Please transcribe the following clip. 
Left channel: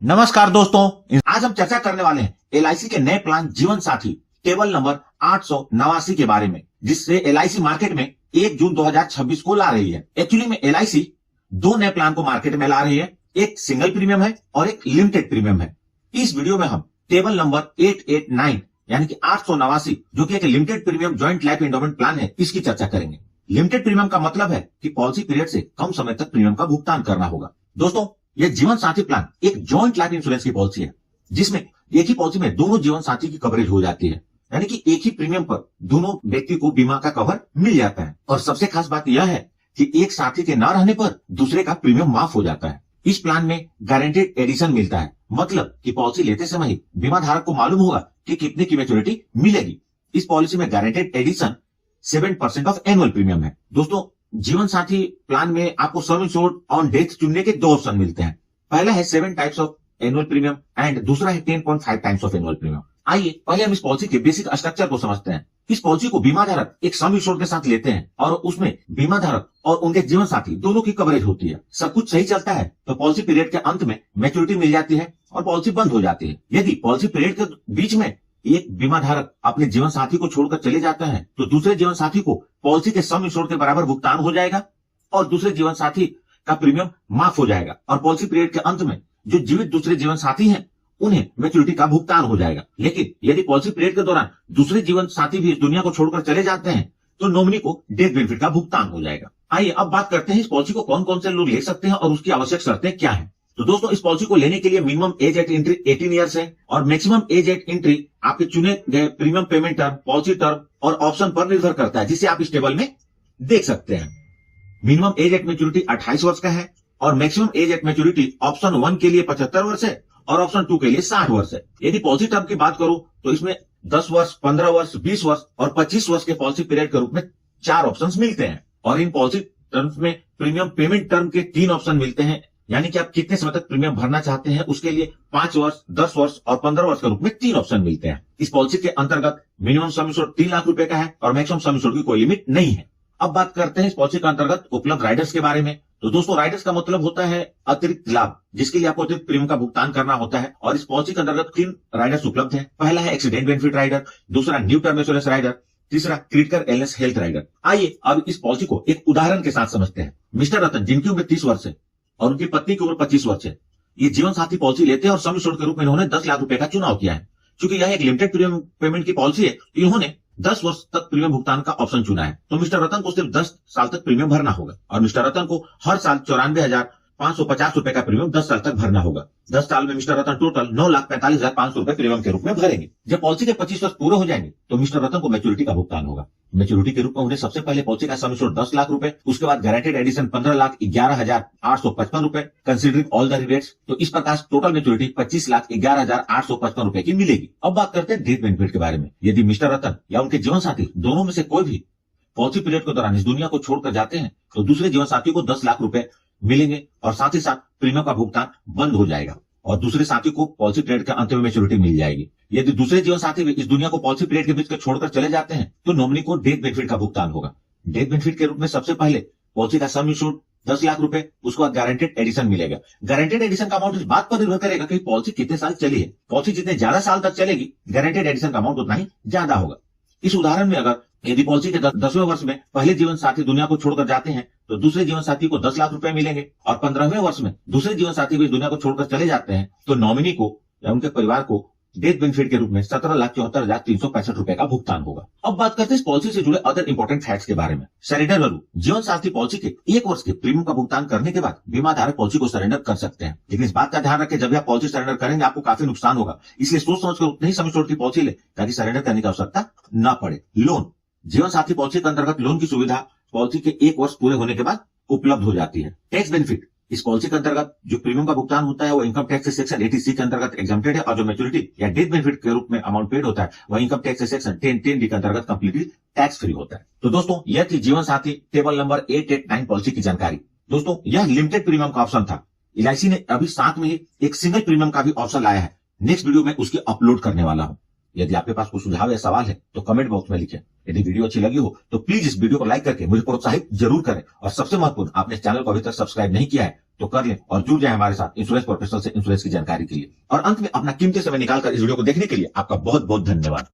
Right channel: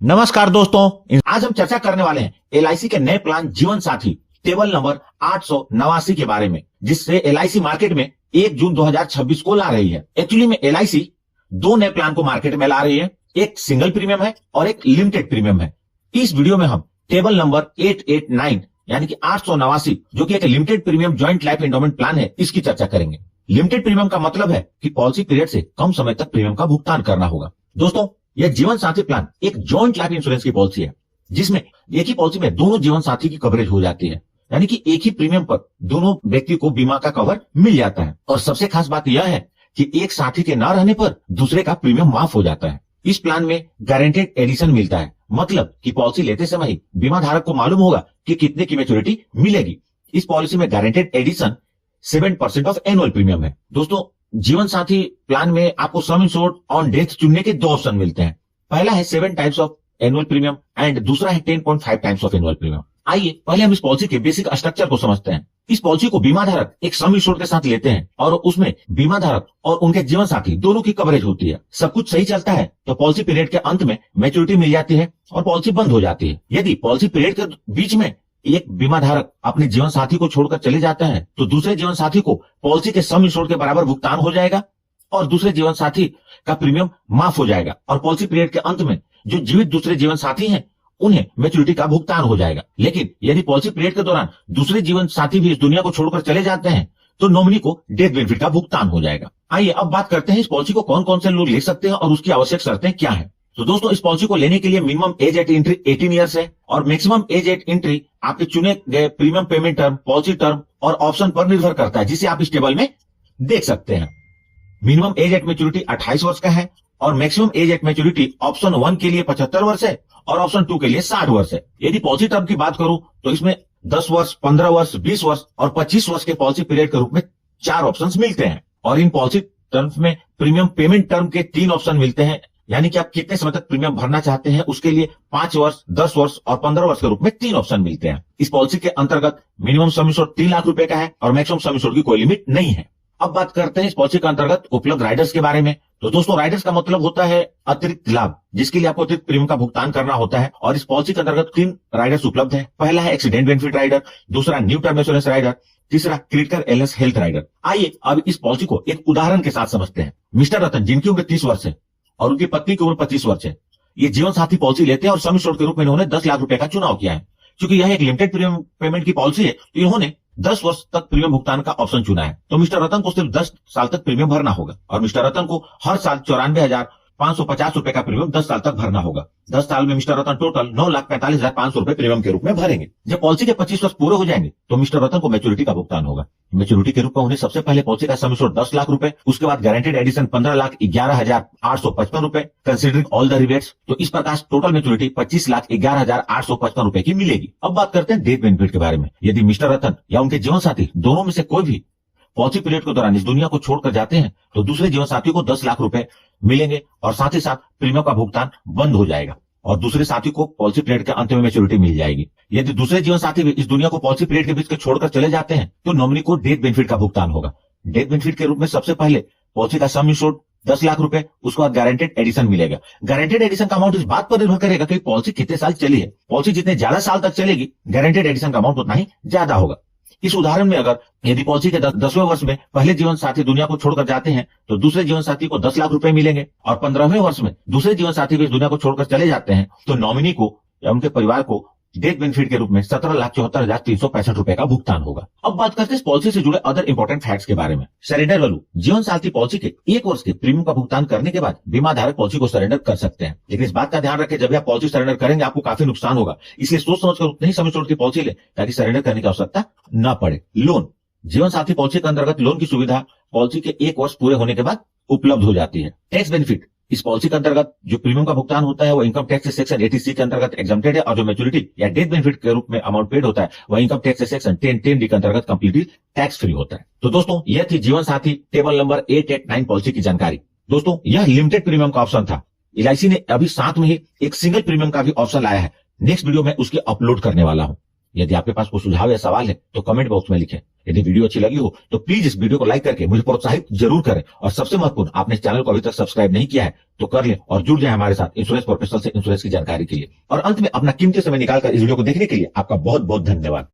नमस्कार दोस्तों, आज हम चर्चा करने वाले हैं एलआईसी के नए प्लान जीवन साथी टेबल नंबर 889 के बारे में, जिससे एलआईसी मार्केट में 1 जून 2026 को ला रही है। एक्चुअली में एलआईसी दो नए प्लान को मार्केट में ला रही है, एक सिंगल प्रीमियम है और एक लिमिटेड प्रीमियम है। इस वीडियो में हम टेबल नंबर 889 यानी कि 889 जो कि एक limited premium joint life endowment plan है, इसकी चर्चा करेंगे। लिमिटेड प्रीमियम का मतलब है कि पॉलिसी पीरियड से कम समय तक प्रीमियम का भुगतान करना होगा। दोस्तों, यह जीवन साथी प्लान एक जॉइंट लाइफ इंश्योरेंस की पॉलिसी है, जिसमें एक ही पॉलिसी में दोनों जीवन साथी की कवरेज हो जाती है, यानी कि एक ही प्रीमियम पर दोनों व्यक्ति को बीमा का कवर मिल जाता है। और सबसे खास बात यह है कि एक साथी के न रहने पर दूसरे का प्रीमियम माफ हो जाता है। इस प्लान में गारंटेड एडिशन मिलता है, मतलब कि पॉलिसी लेते समय ही बीमा धारक को मालूम होगा कि कितने की मैच्योरिटी मिलेगी। इस पॉलिसी में guaranteed addition 7% of annual premium है। दोस्तों, जीवन साथी प्लान में आपको सम इंश्योर्ड ऑन डेथ चुनने के दो ऑप्शन मिलते हैं। पहला है 7 times of annual premium and दूसरा है 10.5 टाइम्स ऑफ एनुअल प्रीमियम। आइए पहले हम इस पॉलिसी के बेसिक स्ट्रक्चर को समझते हैं। इस पॉलिसी को बीमा धारक एक सम इंश्योर्ड के साथ लेते हैं और उसमें बीमा धारक और उनके जीवन साथी दोनों की कवरेज होती है। सब कुछ सही चलता है तो पॉलिसी पीरियड के अंत में मैच्योरिटी मिल जाती है और पॉलिसी बंद हो जाती है। यदि पॉलिसी पीरियड के बीच में एक बीमा धारक अपने जीवन साथी को छोड़कर चले जाता है तो दूसरे जीवन साथी को पॉलिसी के सम इंश्योर्ड के बराबर भुगतान हो जाएगा और दूसरे जीवन साथी का प्रीमियम माफ हो जाएगा और पॉलिसी पीरियड के अंत में जो जीवित दूसरे जीवन साथी हैं उन्हें मैच्योरिटी का भुगतान हो जाएगा। लेकिन यदि पॉलिसी पीरियड के दौरान दूसरे जीवन साथी भी इस दुनिया को छोड़कर चले जाते हैं तो नॉमिनी को डेथ बेनिफिट का भुगतान हो जाएगा। आइए अब बात करते हैं इस पॉलिसी को कौन कौन से लोग ले सकते हैं और उसकी आवश्यक शर्तें क्या है। तो दोस्तों, इस पॉलिसी को लेने के लिए minimum age eight entry 18 years है और मैक्सिमम एज एट एंट्री आपके चुने गए premium payment term, policy term और ऑप्शन पर निर्भर करता है, जिसे आप इस टेबल में देख सकते हैं। मिनिमम एज एट मैच्योरिटी 28 वर्ष का है और maximum age at maturity option 1 के लिए 75 वर्ष है और ऑप्शन 2 के लिए 60 वर्ष है। यदि पॉलिसी टर्म की बात करूं तो इसमें 10 वर्ष, 15 वर्ष, 20 वर्ष और 25 वर्ष के पॉलिसी पीरियड के रूप में 4 ऑप्शंस मिलते हैं और इन पॉलिसी टर्म्स में प्रीमियम पेमेंट टर्म के 3 ऑप्शन मिलते हैं, यानी कि आप कितने समय तक प्रीमियम भरना चाहते हैं उसके लिए 5 वर्ष, 10 वर्ष और 15 वर्ष के रूप में 3 ऑप्शन मिलते हैं। इस पॉलिसी के अंतर्गत मिनिमम सम इंश्योर्ड 3 लाख रुपए का है और मैक्सिमम सम इंश्योर्ड की कोई लिमिट नहीं है। अब बात करते हैं इस पॉलिसी के अंतर्गत उपलब्ध राइडर्स के बारे में। तो दोस्तों, राइडर्स का मतलब होता है अतिरिक्त लाभ, जिसके लिए आपको अतिरिक्त प्रीमियम का भुगतान करना होता है और इस पॉलिसी के अंतर्गत 3 राइडर्स उपलब्ध है। पहला है एक्सीडेंट बेनिफिट राइडर, दूसरा न्यू टर्म इंश्योरेंस राइडर, तीसरा क्रिटिकल इलनेस हेल्थ राइडर। आइए अब इस पॉलिसी को एक उदाहरण के साथ समझते हैं। मिस्टर रतन, जिनकी उम्र 30 वर्ष है और उनकी पत्नी की उम्र 25 वर्ष है, ये जीवन साथी पॉलिसी लेते हैं और सम इंश्योर्ड के रूप में इन्होंने 10 लाख रुपए का चुनाव किया है। क्योंकि यह एक लिमिटेड प्रीमियम पेमेंट की पॉलिसी है तो इन्होंने 10 वर्ष तक प्रीमियम भुगतान का ऑप्शन चुना है। तो मिस्टर रतन को सिर्फ 10 साल तक प्रीमियम भरना होगा और मिस्टर रतन को हर साल 94,550 रुपए का प्रीमियम 10 साल तक भरना होगा। 10 साल में मिस्टर रतन टोटल 9,45,500 रुपए प्रीमियम के रूप में भरेंगे। जब पॉलिसी के 25 वर्ष पूरे हो जाएंगे तो मिस्टर रतन को मैच्योरिटी का भुगतान होगा। मैच्योरिटी के रूप में उन्हें सबसे पहले पॉलिसी का सम इंश्योर्ड 10 लाख रुपए, उसके बाद गारंटेड एडिशन 15,11,855 रुपए कंसिडरिंग ऑल द रिबेट्स। तो इस प्रकार टोटल मैच्योरिटी 25,11,855 रुपए की मिलेगी। अब बात करते हैं डेथ बेनिफिट के बारे में। यदि मिस्टर रतन या उनके जीवन साथी दोनों में से कोई भी पॉलिसी पीरियड के दौरान इस दुनिया को छोड़कर जाते हैं तो दूसरे जीवन साथी को 10 लाख रुपए मिलेंगे और साथ ही साथ प्रीमियम का भुगतान बंद हो जाएगा और दूसरे साथी को पॉलिसी पीरियड के अंत में मैच्योरिटी मिल जाएगी। यदि दूसरे जीवन साथी भी इस दुनिया को पॉलिसी पीरियड के बीच के छोड़कर चले जाते हैं तो नॉमिनी को डेथ बेनिफिट का भुगतान होगा। डेथ बेनिफिट के रूप में सबसे पहले पॉलिसी का सम इंश्योर्ड 10 लाख रुपए, उसके बाद गारंटेड एडिशन मिलेगा। गारंटेड एडिशन का अमाउंट इस बात पर निर्भर करेगा कि पॉलिसी कितने साल चली है। पॉलिसी जितने ज्यादा साल तक चलेगी गारंटेड एडिशन का अमाउंट उतना ही ज्यादा होगा। इस उदाहरण में अगर यदि पॉलिसी के 10वें वर्ष में पहले जीवन साथी दुनिया को छोड़कर जाते हैं तो दूसरे जीवन साथी को 10 लाख रुपए मिलेंगे और 15वें वर्ष में दूसरे जीवन साथी भी इस दुनिया को छोड़कर चले जाते हैं तो नॉमिनी को या उनके परिवार को डेथ बेनिफिट के रूप में 17,74,365 रुपए का भुगतान होगा। अब बात करते हैं इस पॉलिसी से जुड़े अदर इंपॉर्टेंट फैक्ट्स के बारे में। सरेंडर वैल्यू, जीवन साथी पॉलिसी के 1 वर्ष के प्रीमियम का भुगतान करने के बाद बीमा धारक पॉलिसी को सरेंडर कर सकते हैं। लेकिन इस बात का ध्यान रखें, जब आप पॉलिसी सरेंडर करेंगे आपको काफी नुकसान होगा, इसलिए सोच समझकर उतनी ही सम इंश्योर्ड की पॉलिसी ले ताकि सरेंडर करने की आवश्यकता न पड़े। लोन, जीवन साथी पॉलिसी के अंतर्गत लोन की सुविधा पॉलिसी के 1 वर्ष पूरे होने के बाद उपलब्ध हो जाती है। टैक्स बेनिफिट, इस पॉलिसी के अंतर्गत जो प्रीमियम का भुगतान होता है वो इनकम टैक्स से सेक्शन 80C के अंतर्गत एग्जम्प्टेड है और जो मैच्योरिटी या डेथ बेनिफिट के रूप में अमाउंट पेड होता है वह इनकम टैक्स से सेक्शन 10D के अंतर्गत कंप्लीटली टैक्स फ्री होता है। तो दोस्तों, यह थी जीवन साथी टेबल नंबर 889 पॉलिसी की जानकारी। दोस्तों, यह लिमिटेड प्रीमियम का ऑप्शन था। एलआईसी ने अभी साथ में ही एक सिंगल प्रीमियम का भी ऑप्शन लाया है। नेक्स्ट वीडियो में उसकी अपलोड करने वाला हूं। यदि आपके पास कोई सुझाव या सवाल है तो कमेंट बॉक्स में लिखें। यदि वीडियो अच्छी लगी हो तो प्लीज इस वीडियो को लाइक करके मुझे प्रोत्साहित जरूर करें, और सबसे महत्वपूर्ण, आपने इस चैनल को अभी तक सब्सक्राइब नहीं किया है तो कर लें और जुड़ जाए हमारे साथ इंश्योरेंस प्रोफेशनल से इंश्योरेंस की जानकारी के लिए। और अंत में अपना कीमती समय निकालकर इस वीडियो को देखने के लिए आपका बहुत बहुत धन्यवाद।